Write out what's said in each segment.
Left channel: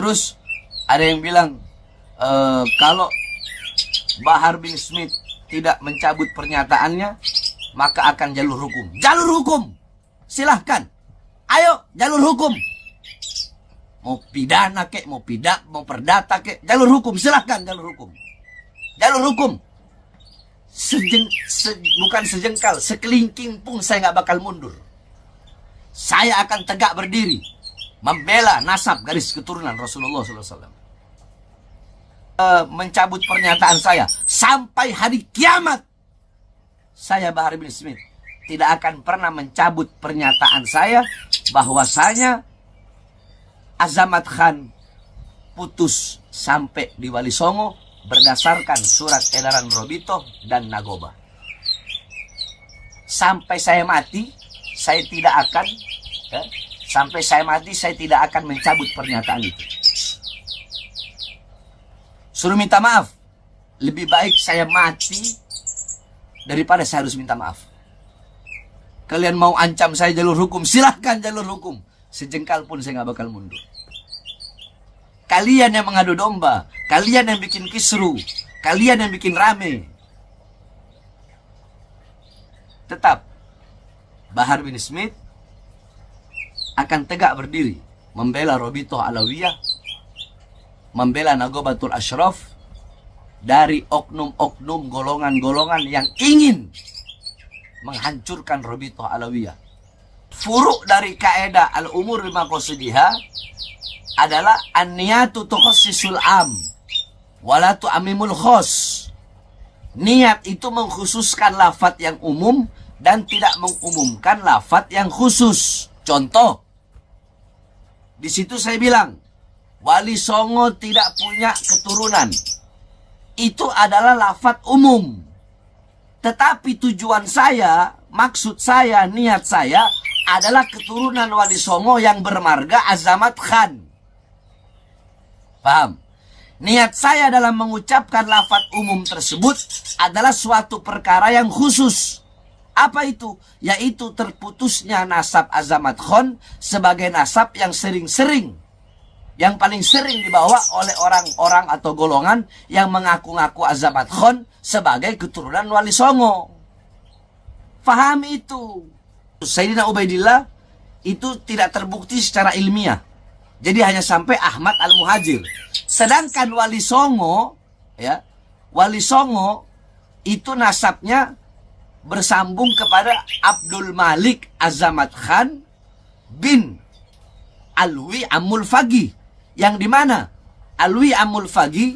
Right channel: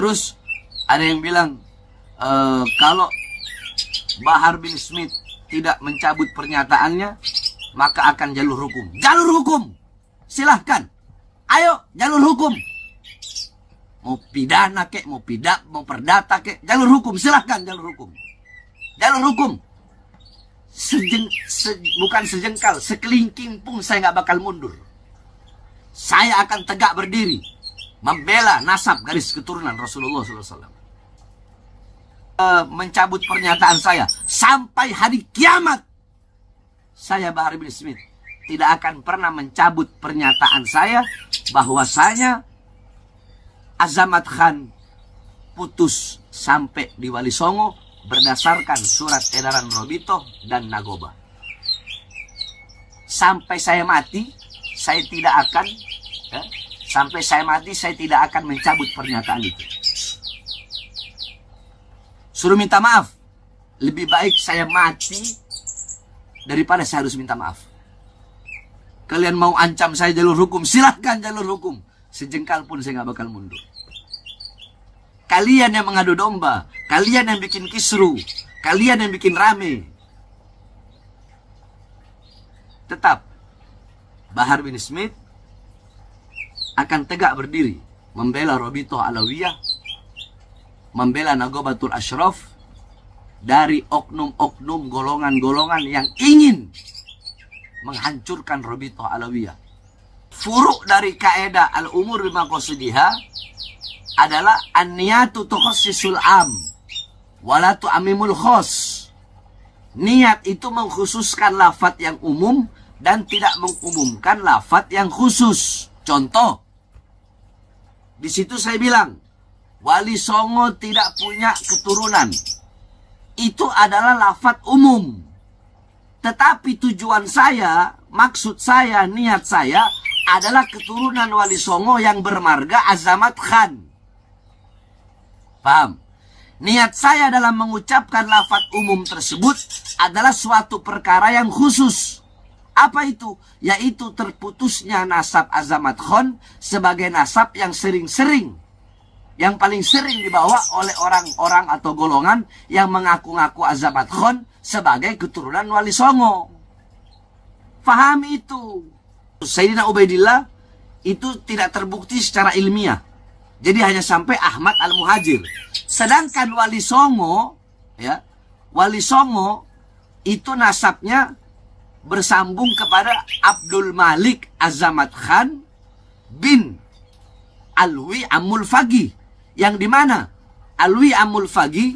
Terus ada yang bilang kalau Bahar bin Smith tidak mencabut pernyataannya, maka akan jalur hukum. Jalur hukum, silahkan. Ayo, jalur hukum. Mau pidana kek, mau perdata kek, jalur hukum, silahkan jalur hukum. Jalur hukum. Bukan sejengkal, sekelingking pun saya nggak bakal mundur. Saya akan tegak berdiri, membela nasab garis keturunan Rasulullah SAW. Mencabut pernyataan saya sampai hari kiamat. Saya Bahar bin Smith tidak akan pernah mencabut pernyataan saya bahwasanya Azamat Khan putus sampai di Wali Songo berdasarkan surat edaran Robito dan Nagoba. Sampai saya mati, saya tidak akan saya tidak akan mencabut pernyataan itu. Suruh minta maaf. Lebih baik saya mati daripada saya harus minta maaf. Kalian mau ancam saya jalur hukum, silahkan jalur hukum. Sejengkal pun saya nggak bakal mundur. Kalian yang mengadu domba, kalian yang bikin kisru, kalian yang bikin rame. Tetap Bahar bin Smith akan tegak berdiri membela Robito Alawiyah, membela Nagobatul Ashraf dari oknum-oknum golongan-golongan yang ingin menghancurkan Robito Alawiyah. Furuk dari kaedah al-umur bima qasidiha adalah an-niyatu tukhassisul am wala tu'amimul khos. Niat itu mengkhususkan lafaz yang umum dan tidak mengumumkan lafaz yang khusus. Contoh, di situ saya bilang Wali Songo tidak punya keturunan. Itu adalah lafaz umum. Tetapi tujuan saya, maksud saya, niat saya adalah keturunan Wali Songo yang bermarga Azamat Khan. Paham? Niat saya dalam mengucapkan lafaz umum tersebut adalah suatu perkara yang khusus. Apa itu? Yaitu terputusnya nasab Azamat Khan sebagai nasab yang yang paling sering dibawa oleh orang-orang atau golongan yang mengaku-ngaku Azamat Khan sebagai keturunan Wali Songo. Fahami itu. Sayyidina Ubaidillah itu tidak terbukti secara ilmiah. Jadi hanya sampai Ahmad Al-Muhajir. Sedangkan Wali Songo, Wali Songo itu nasabnya bersambung kepada Abdul Malik Azamat Khan bin Alwi Amul Fagi. Yang dimana Alwi Amul Fagi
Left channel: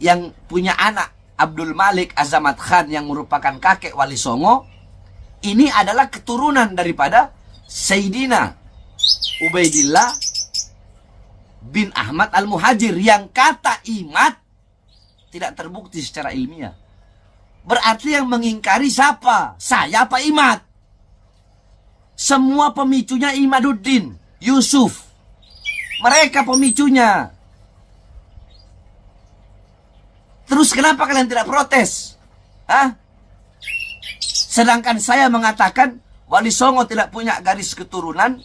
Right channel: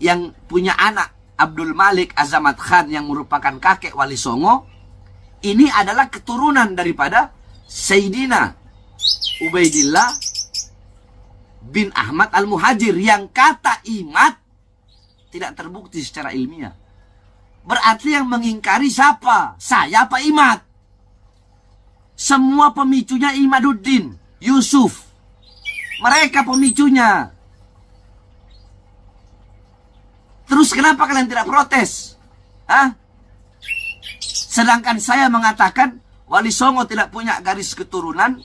yang punya anak Abdul Malik Azamat Khan yang merupakan kakek Wali Songo, ini adalah keturunan daripada Sayyidina Ubaidillah bin Ahmad Al-Muhajir yang kata Imad tidak terbukti secara ilmiah. Berarti yang mengingkari siapa? Saya apa Imad? Semua pemicunya Imaduddin, Yusuf. Mereka pemicunya. Terus kenapa kalian tidak protes? Sedangkan saya mengatakan Wali Songo tidak punya garis keturunan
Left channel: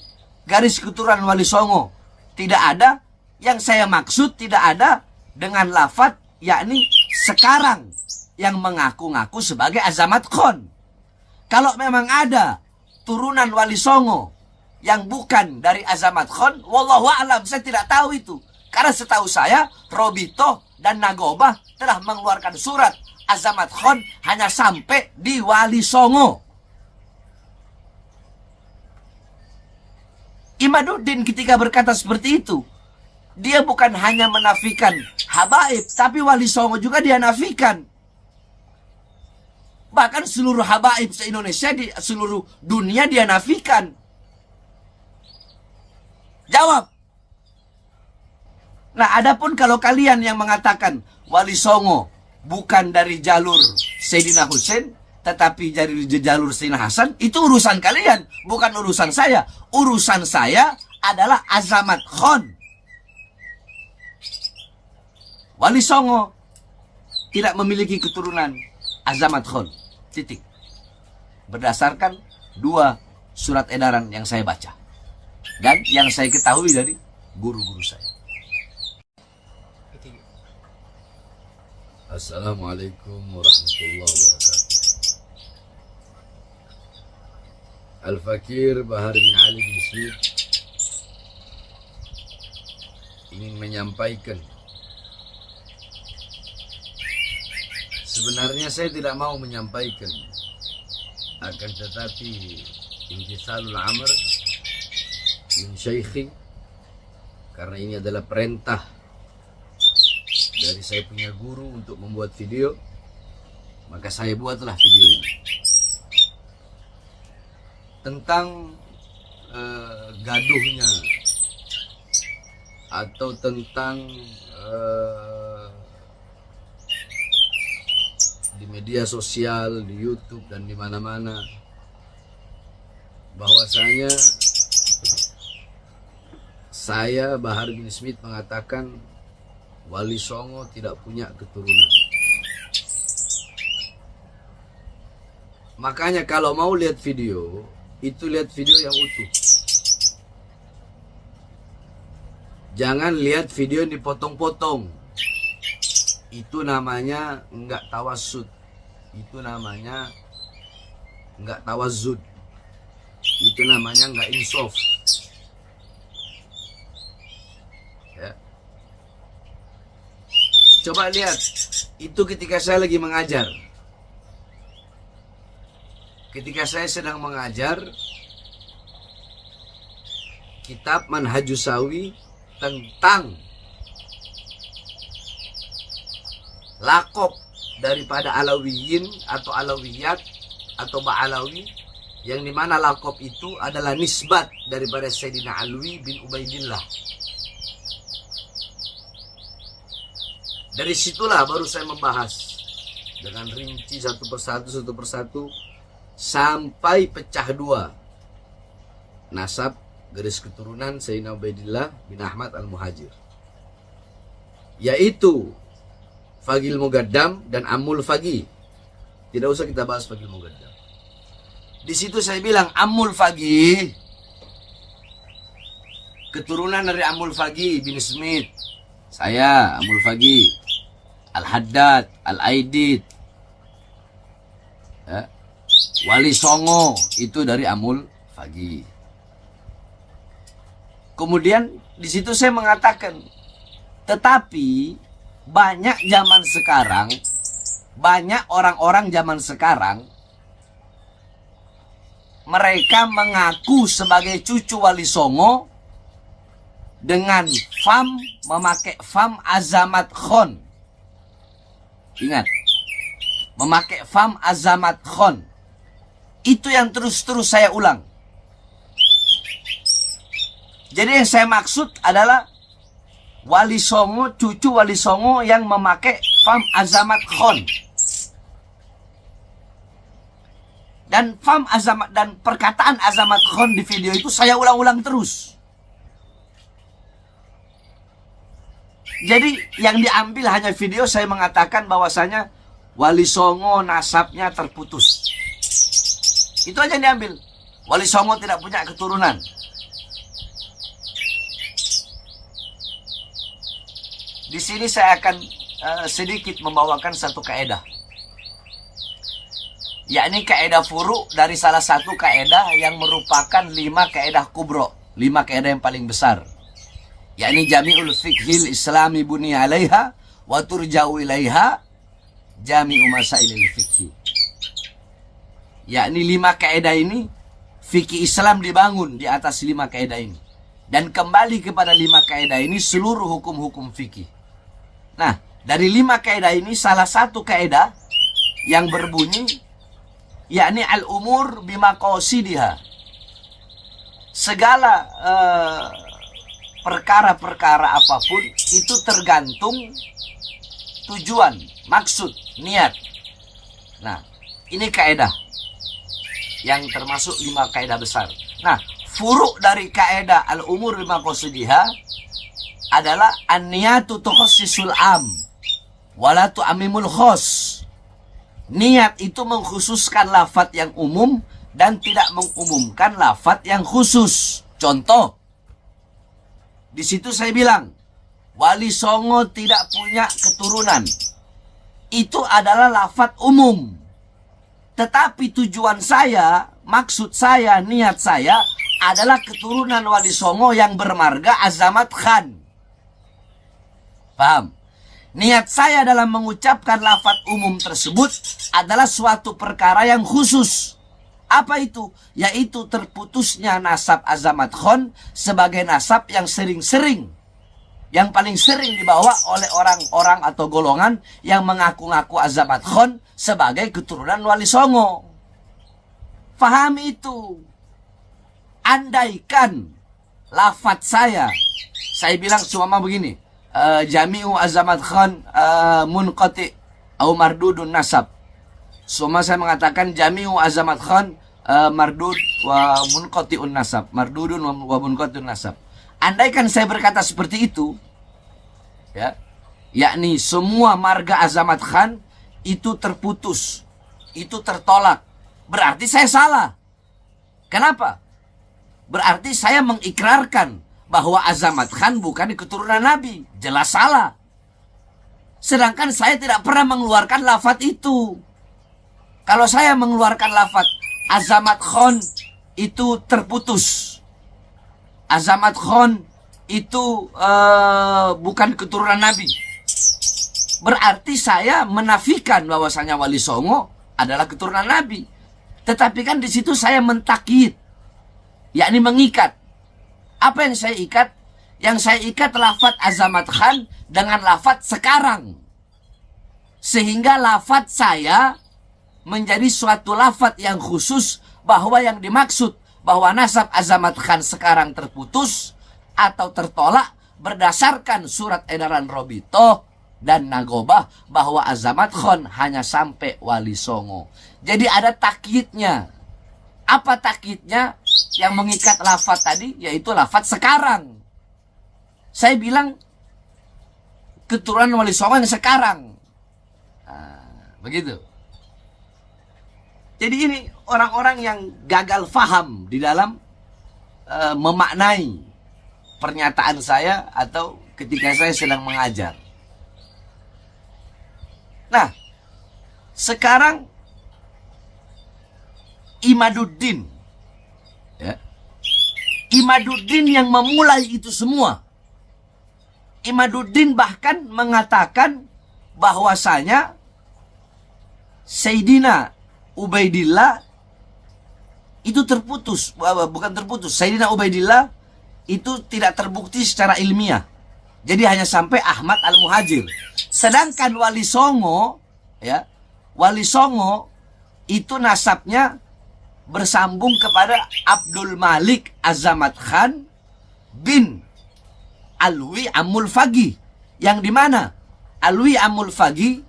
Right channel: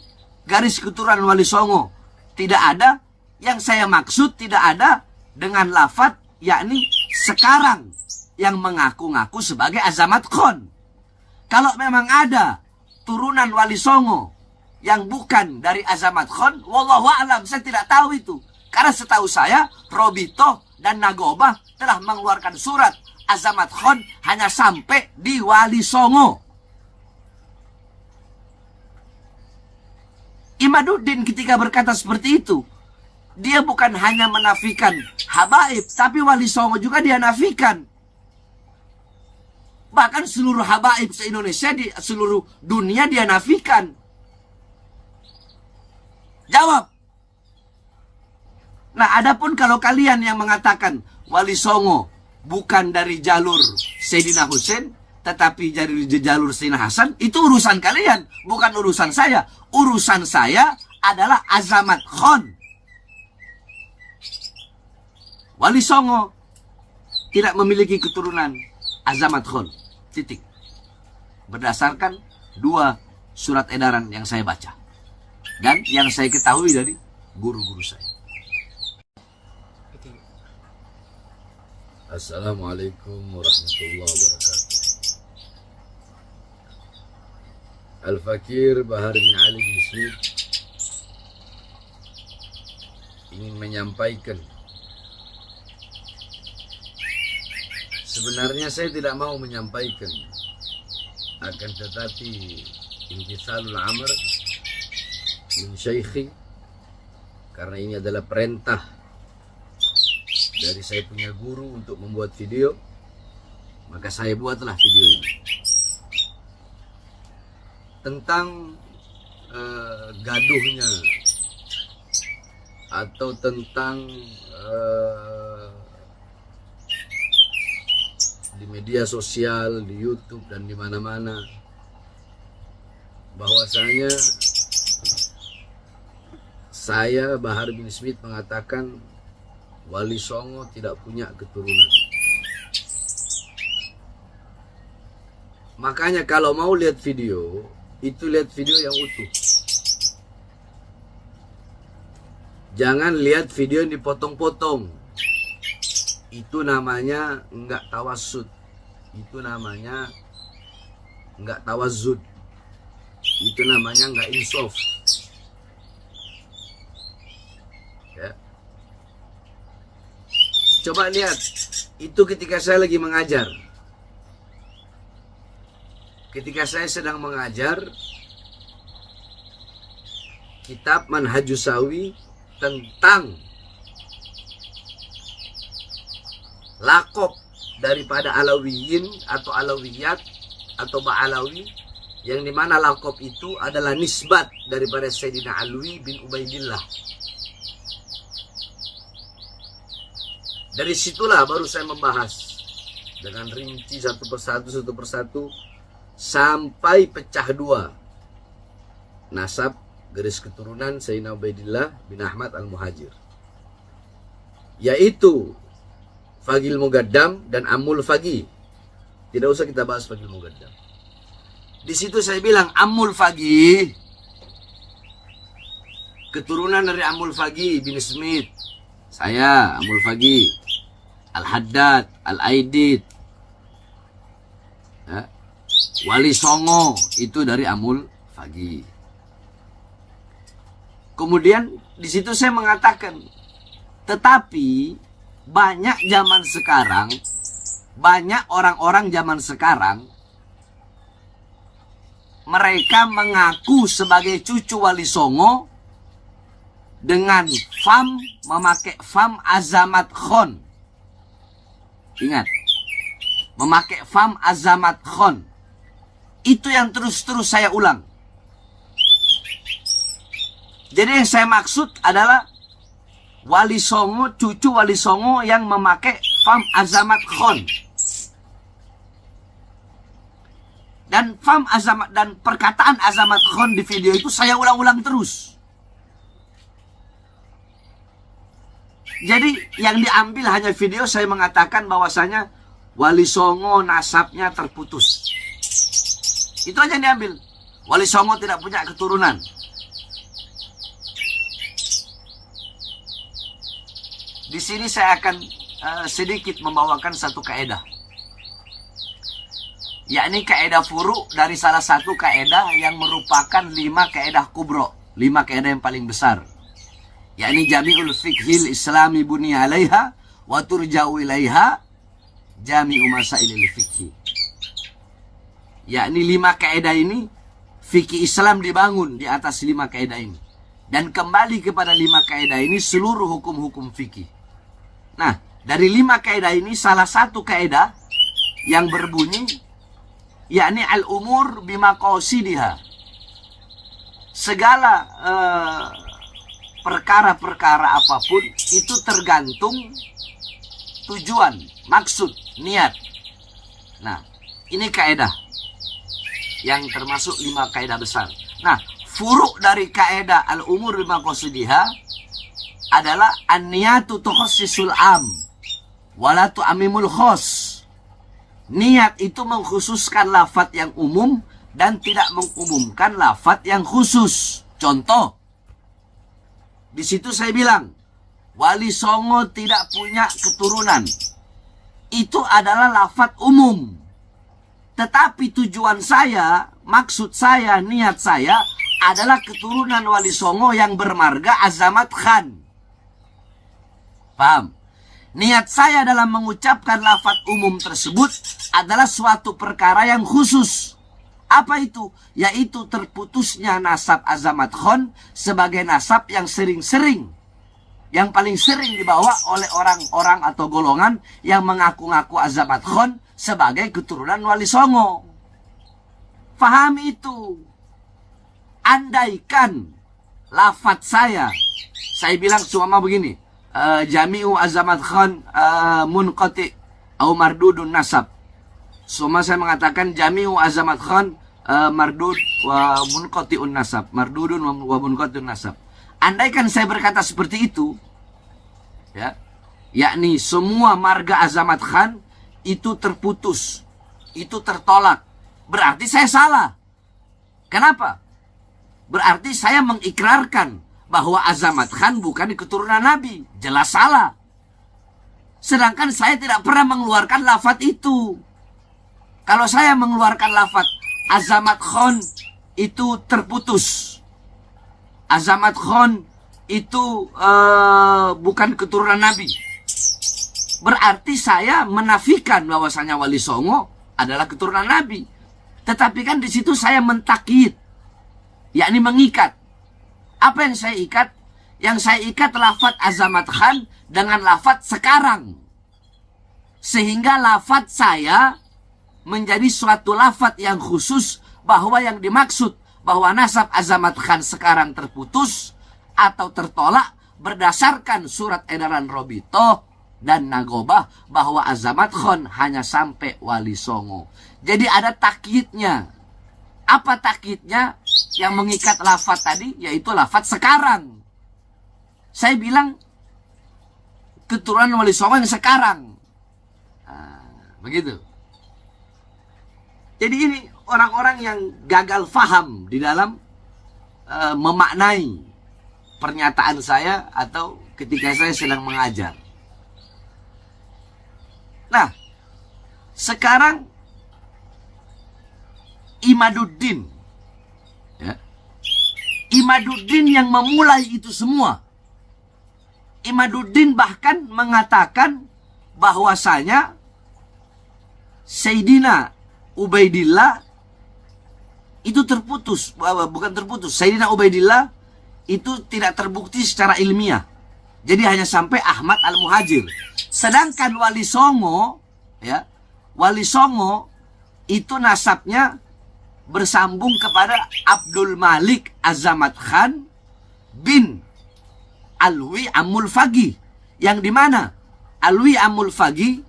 Wali Songo tidak ada. Yang saya maksud tidak ada dengan lafaz yakni sekarang yang mengaku-ngaku sebagai Azamat Khan. Kalau memang ada turunan Wali Songo yang bukan dari Azamat Khan, wallahu a'lam, saya tidak tahu itu. Karena setahu saya Robito dan Nagoba telah mengeluarkan surat Azamat Khan hanya sampai di Wali Songo. Imaduddin ketika berkata seperti itu, dia bukan hanya menafikan habaib, tapi Wali Songo juga dia nafikan. Bahkan seluruh habaib se-Indonesia, di seluruh dunia dia nafikan. Jawab. Nah, adapun kalau kalian yang mengatakan Wali Songo bukan dari jalur Sayyidina Husain, tetapi dari jalur Sayyidina Hasan, itu urusan kalian, bukan urusan saya. Urusan saya adalah Azamat Khan. Wali Songo tidak memiliki keturunan Azamat Khan. Titik. Berdasarkan 2 surat edaran yang saya baca dan yang saya ketahui dari guru-guru saya. ketiga. Assalamualaikum warahmatullahi wabarakatuh. Al-Fakir Bahar bin Ali bin Smith ingin menyampaikan, sebenarnya saya tidak mau menyampaikan, akan tetapi imtithalul amr min syaikhi, karena ini adalah perintah dari saya punya guru untuk membuat video, maka saya buatlah video ini tentang gaduhnya atau tentang di media sosial, di YouTube dan di mana-mana, bahwasanya saya Bahar bin Smith mengatakan Wali Songo tidak punya keturunan. Makanya kalau mau lihat video, itu lihat video yang utuh. Jangan lihat video yang dipotong-potong. Itu namanya enggak tawasud. Itu namanya enggak tawazud. Itu namanya enggak insaf. Ya. Coba lihat, itu ketika saya lagi mengajar. Ketika saya sedang mengajar kitab Manhajus Sawi tentang lakop daripada Alawiyin atau Alawiyat atau Ba'alawi, yang dimana lakop itu adalah nisbat daripada Sayyidina Alwi bin Ubaidillah. Dari situlah baru saya membahas dengan rinci satu persatu sampai pecah dua nasab garis keturunan Sayyidina Ubaidillah bin Ahmad al-Muhajir, yaitu Fagil Mugaddam dan Ammul Fagi. Tidak usah kita bahas Fagil Mugaddam. Di situ saya bilang Ammul Fagi keturunan dari Ammul Fagi bin Smith. Saya Ammul Fagi, Al-Haddad, Al-Aidid, ya. Wali Songo itu dari Ammul Fagi. Kemudian di situ saya mengatakan, tetapi banyak zaman sekarang, banyak orang-orang zaman sekarang, mereka mengaku sebagai cucu Wali Songo dengan memakai fam Azamat Khon. Ingat, memakai fam Azamat Khon. Itu yang terus-terus saya ulang. Jadi yang saya maksud adalah Wali Songo, cucu Wali Songo yang memakai fam Azamat Khon. Dan fam Azamat dan perkataan Azamat Khon di video itu saya ulang-ulang terus. Jadi yang diambil hanya video saya mengatakan bahwasanya Wali Songo nasabnya terputus. Itu aja yang diambil. Wali Songo tidak punya keturunan. Di sini saya akan sedikit membawakan satu kaidah, yakni kaidah furu dari salah satu kaidah yang merupakan 5 kaidah kubro, 5 kaidah yang paling besar, yakni jami'ul fiqhil islami buni alaiha wa turja'u ilaiha jami'u masailil fiqhi. Yakni 5 kaidah ini, fikih Islam dibangun di atas 5 kaidah ini, dan kembali kepada 5 kaidah ini seluruh hukum-hukum fikih. Nah, dari 5 kaidah ini salah satu kaidah yang berbunyi, yakni al-umur bimaqasidiha. Segala perkara-perkara apapun itu tergantung tujuan, maksud, niat. Nah, ini kaidah yang termasuk 5 kaidah besar. Nah, furuk dari kaidah al-umur bimaqasidiha adalah an-niyatu tukhassisul am wala tu'ammimul khos. Niat itu mengkhususkan lafaz yang umum dan tidak mengumumkan lafaz yang khusus. Contoh, di situ saya bilang Wali Songo tidak punya keturunan. Itu adalah lafaz umum. Tetapi tujuan saya, maksud saya, niat saya adalah keturunan Wali Songo yang bermarga Azamat Khan. Paham? Niat saya dalam mengucapkan lafaz umum tersebut adalah suatu perkara yang khusus. Apa itu? Yaitu terputusnya nasab Azamat Khan sebagai nasab yang sering-sering, yang paling sering dibawa oleh orang-orang atau golongan yang mengaku-ngaku Azamat Khan sebagai keturunan Wali Songo. Pahami itu. Andaikan lafaz saya bilang cuma begini, Jami'u Azamat Khan munqati atau mardudun nasab. Semua saya mengatakan Jami'u Azamat Khan mardud wa munqati'un nasab, mardudun wa munqati'un nasab. Andaikan saya berkata seperti itu, ya, yakni semua marga Azamat Khan itu terputus, itu tertolak, berarti saya salah. Kenapa? Berarti saya mengikrarkan bahwa Azamat Khan bukan keturunan Nabi. Jelas salah. Sedangkan saya tidak pernah mengeluarkan lafaz itu. Kalau saya mengeluarkan lafaz Azamat Khan itu terputus, Azamat Khan itu bukan keturunan Nabi, berarti saya menafikan bahwasanya Wali Songo adalah keturunan Nabi. Tetapi kan di situ saya mentakyid, yakni mengikat. Apa yang saya ikat? Yang saya ikat lafaz Azamat Khan dengan lafaz sekarang, sehingga lafaz saya menjadi suatu lafaz yang khusus, bahwa yang dimaksud bahwa nasab Azamat Khan sekarang terputus atau tertolak berdasarkan surat edaran Robito dan Nagobah bahwa Azamat Khan hanya sampai Wali Songo. Jadi ada takyidnya. Apa takyidnya yang mengikat lafaz tadi? Yaitu lafaz sekarang. Saya bilang keturunan Wali Songo yang sekarang. Nah, begitu. Jadi ini orang-orang yang gagal faham di dalam memaknai pernyataan saya atau ketika saya sedang mengajar. Nah, sekarang Imaduddin, ya, Imaduddin yang memulai itu semua. Imaduddin bahkan mengatakan bahwasanya Sayyidina Ubaidillah itu terputus, bukan terputus. Sayyidina Ubaidillah itu tidak terbukti secara ilmiah. Jadi hanya sampai Ahmad Al-Muhajir. Sedangkan Wali Songo, ya, Wali Songo itu nasabnya bersambung kepada Abdul Malik Azamat Khan bin Alwi Amul Fagi, yang dimana Alwi Amul Fagi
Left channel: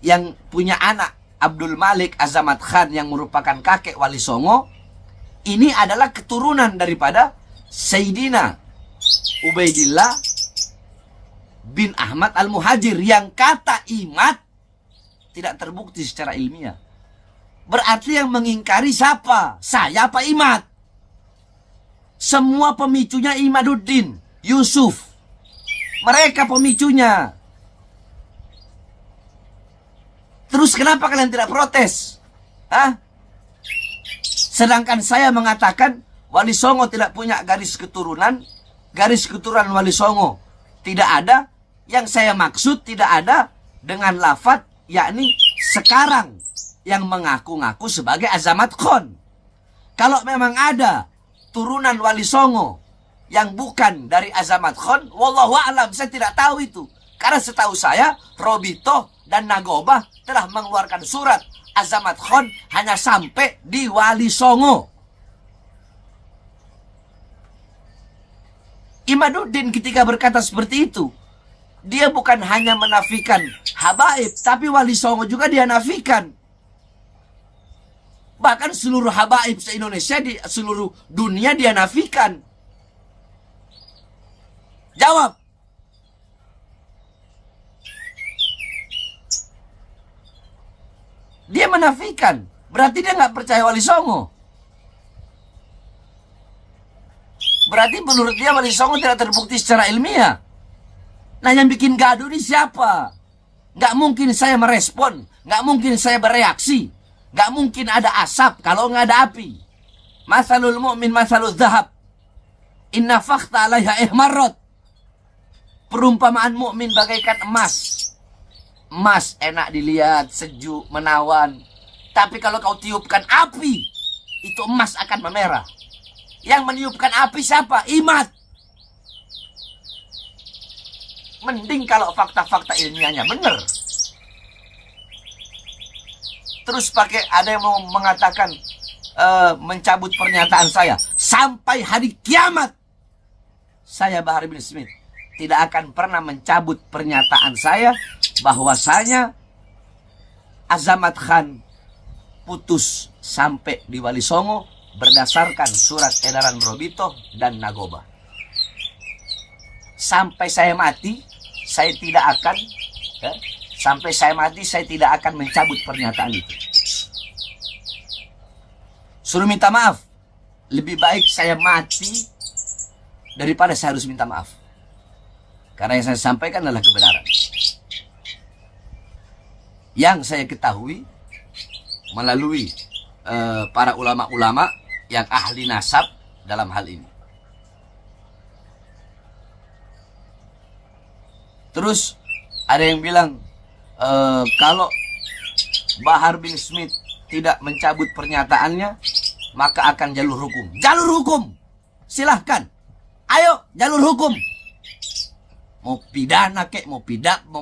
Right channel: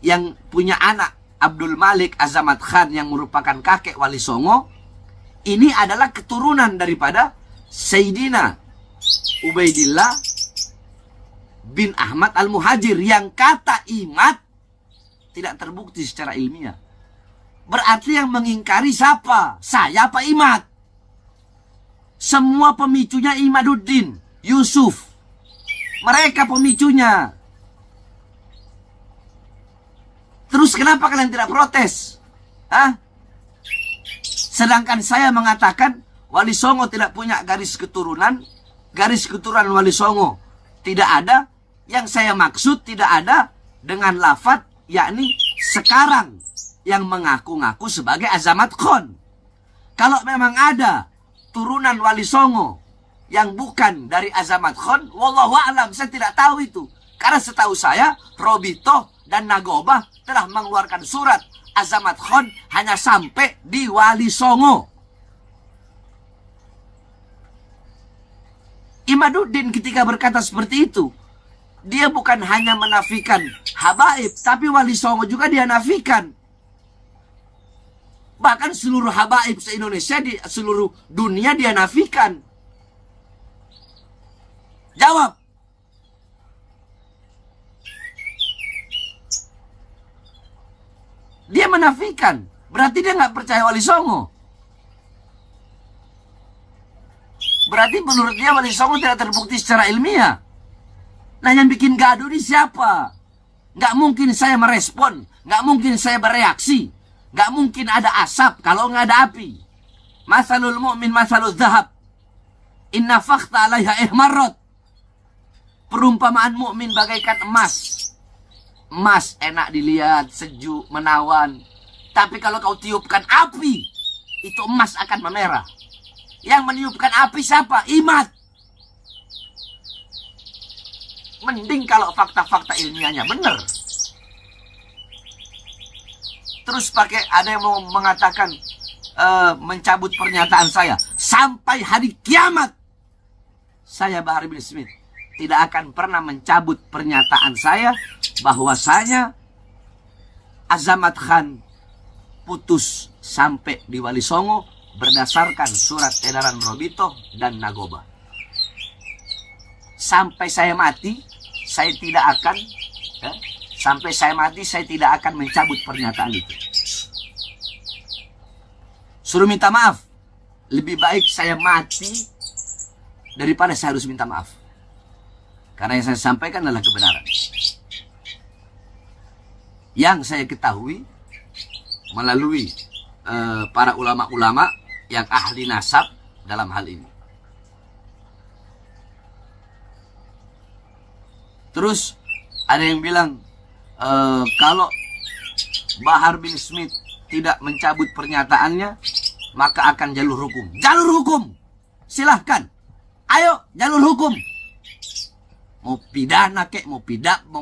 yang punya anak Abdul Malik Azamat Khan yang merupakan kakek Wali Songo, ini adalah keturunan daripada Sayyidina Ubaidillah bin Ahmad Al-Muhajir, yang kata Imad tidak terbukti secara ilmiah. Berarti yang mengingkari siapa? Saya apa Imad? Semua pemicunya Imaduddin, Yusuf. Mereka pemicunya. Terus kenapa kalian tidak protes? Hah? Sedangkan saya mengatakan Wali Songo tidak punya garis keturunan Wali Songo tidak ada. Yang saya maksud tidak ada dengan lafaz yakni sekarang yang mengaku-ngaku sebagai Azamat Khan. Kalau memang ada turunan Wali Songo yang bukan dari Azamat Khan, wallahu a'lam, saya tidak tahu itu. Karena setahu saya Robito dan Nagobah telah mengeluarkan surat Azamat Khan hanya sampai di Wali Songo. Imaduddin ketika berkata seperti itu, dia bukan hanya menafikan habaib, tapi Wali Songo juga dia nafikan. Bahkan seluruh habaib se-Indonesia, di seluruh dunia dia nafikan. Jawab. Dia menafikan. Berarti dia nggak percaya Wali Songo. Berarti menurut dia Wali Songo tidak terbukti secara ilmiah. Nah, yang bikin gaduh ini siapa? Nggak mungkin saya merespon, nggak mungkin saya bereaksi, nggak mungkin ada asap kalau nggak ada api. Masalul mu'min masalul zahab, inna fakta alaiha ihmarrot. Perumpamaan mukmin bagaikan emas. Emas enak dilihat, sejuk, menawan. Tapi kalau kau tiupkan api, itu emas akan memerah. Yang meniupkan api siapa? Imat. Mending kalau fakta-fakta ilmiahnya benar. Terus pakai ada yang mau mengatakan mencabut pernyataan saya sampai hari kiamat. Saya Bahar bin Smith tidak akan pernah mencabut pernyataan saya bahwasanya Azamat Khan putus sampai di Wali Songo berdasarkan surat edaran Robito dan Nagoba. Sampai saya mati, saya tidak akan saya tidak akan mencabut pernyataan itu. Suruh minta maaf. Lebih baik saya mati daripada saya harus minta maaf. Karena yang saya sampaikan adalah kebenaran. Yang saya ketahui melalui para ulama-ulama yang ahli nasab dalam hal ini. Terus ada yang bilang kalau Bahar bin Smith tidak mencabut pernyataannya, maka akan jalur hukum. Jalur hukum, silahkan. Ayo jalur hukum. Mau pidana kek, mau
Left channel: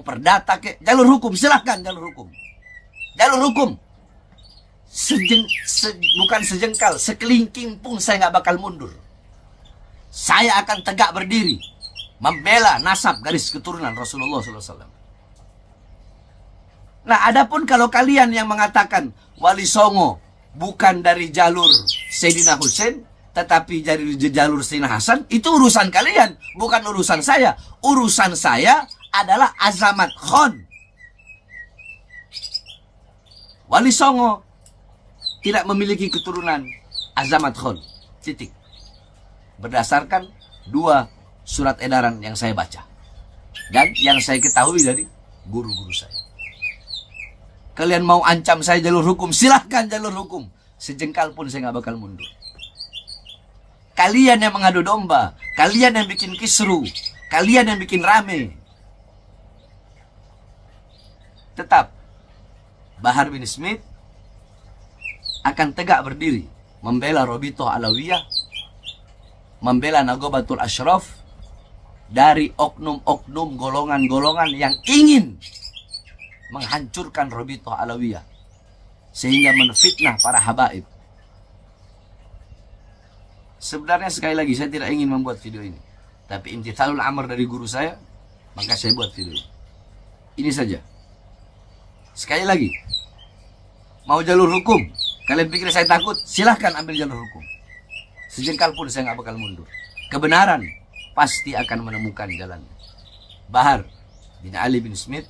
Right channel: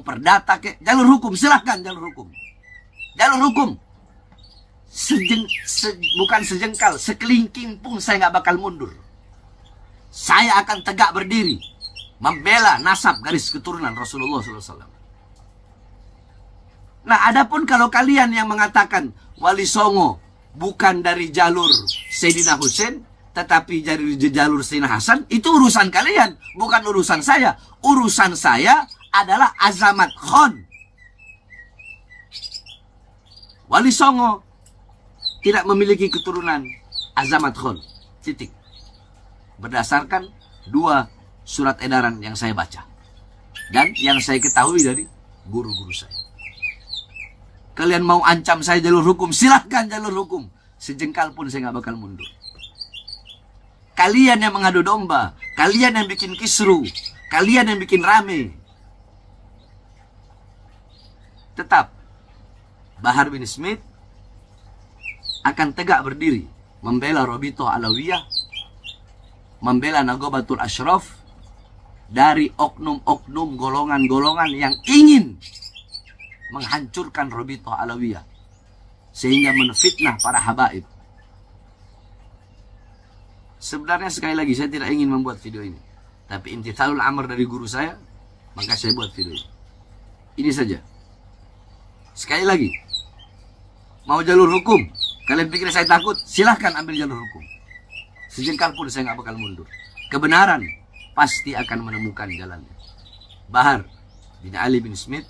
perdata kek, jalur hukum, silahkan jalur hukum. Jalur hukum. Bukan sejengkal, sekelingking pun saya nggak bakal mundur. Saya akan tegak berdiri, membela nasab garis keturunan Rasulullah SAW. Nah, adapun kalau kalian yang mengatakan Wali Songo bukan dari jalur Sayyidina Husain, tetapi dari jalur Sayyidina Hasan, itu urusan kalian, bukan urusan saya. Urusan saya adalah Azamat Khan. Wali Songo tidak memiliki keturunan Azamat Khan. Titik. Berdasarkan 2 surat edaran yang saya baca. Dan yang saya ketahui dari guru-guru saya. Kalian mau ancam saya jalur hukum, silahkan jalur hukum. Sejengkal pun saya nggak bakal mundur. Kalian yang mengadu domba, kalian yang bikin kisru, kalian yang bikin rame. Tetap Bahar bin Smith akan tegak berdiri membela Robito Alawiyah, membela Nagobatul Ashraf dari oknum-oknum golongan-golongan yang ingin menghancurkan Robito Alawiyah sehingga menfitnah para habaib. Sebenarnya sekali lagi saya tidak ingin membuat video ini, tapi imtithalul amr dari guru saya, maka saya buat video ini. Ini saja. Sekali lagi, mau jalur hukum, kalian pikir saya takut? Silahkan ambil jalur hukum. Sejengkal pun saya nggak bakal mundur. Kebenaran pasti akan menemukan jalannya. Bahar bin Ali bin Smith